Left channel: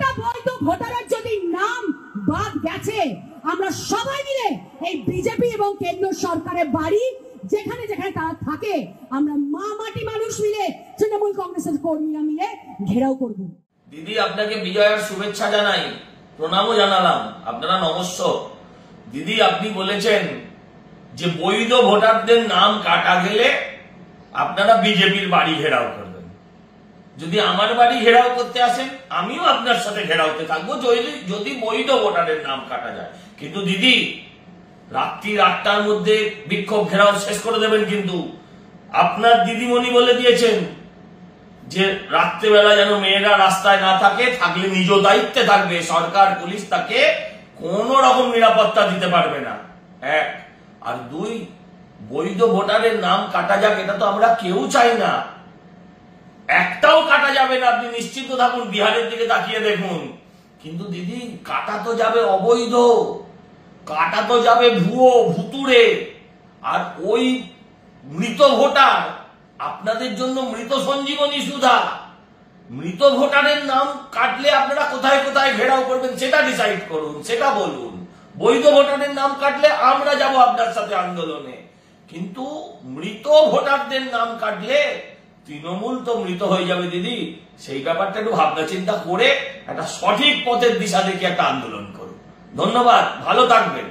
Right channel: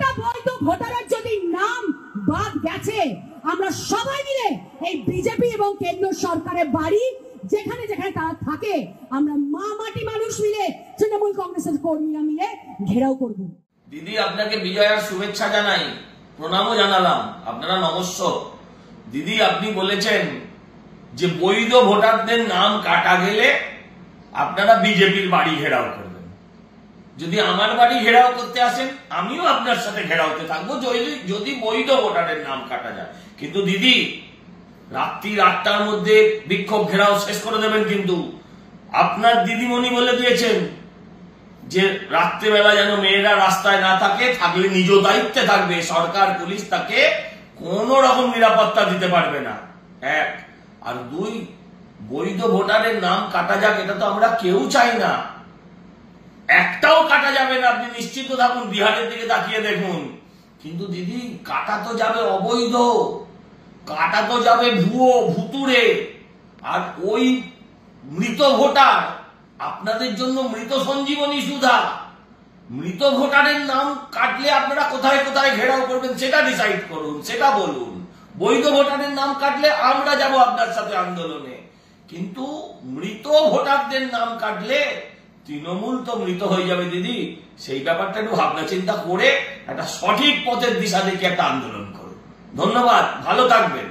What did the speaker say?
একটা বৈধ ভোটারের যদি নাম বাদ গেছে, আমরা সবাই মিলে এই বিজেপি এবং কেন্দ্র সরকারের বাড়ি যেখানে যেখানে তারা থাকে, আমরা মা মাটি মানুষ মিলে, তৃণমূল কংগ্রেসের কর্মীরা মিলে ঘেরাও করব। দিদি, আপনাকে বিজয়ার শুভেচ্ছা জানাই, প্রণামও জানালাম। আপনারা নমস্য। দিদি, আপনি বলেছেন যে বৈধ ভোটারদের নাম কাটা গেলে আপনারা বিজেপির বাড়ি ঘেরাও করবেন। যদি আমার বাড়ি ঘেরাও করতে আসেন, আমিও আপনার সাথে ঘেরাওতে থাকবো যদি বৈধ ভোটারের নাম কাটা যায়। কিন্তু দিদি, রাত্রি 8টার মধ্যে বিক্ষোভ ঘেরাও শেষ করে দেবেন। কিন্তু আপনার দিদিমণি বলে দিয়েছেন যে রাত্রেবেলা যেন মেয়েরা রাস্তায় না থাকে, থাকলে নিজ দায়িত্বে থাকবে, সরকার পুলিশ তাকে কোন রকম নিরাপত্তা দিতে পারবে না। 1 আর 2, বৈধ ভোটারের নাম কাটা যাক, এটা তো আমরা কেউ চাই না। একটাও কাটা যাবে না, আপনি নিশ্চিত থাকুন। বিহারের দিকে তাকিয়ে দেখুন। কিন্তু দিদি, কাটা তো যাবে অবৈধ, কাটা তো যাবে ভুয়ো ভুতুরে। আর ওই মৃত ভোটার আপনাদের জন্য মৃত সঞ্জীবনী সুধা। মৃত ভোটারের নাম কাটলে আপনারা কোথায় কোথায় ঘেরাও করবেন সেটা ডিসাইড করুন, সেটা বলুন। বৈধ ভোটারের নাম কাটলে আমরা যাব আপনার সাথে আন্দোলনে। কিন্তু মৃত ভোটারদের নাম কাটলে তৃণমূল তো মৃত হয়ে যাবে দিদি। সেই ব্যাপারটা একটু ভাবনা চিন্তা করে একটা সঠিক পথের দিশা দেখে একটা আন্দোলন করুন। ধন্যবাদ, ভালো থাকবেন।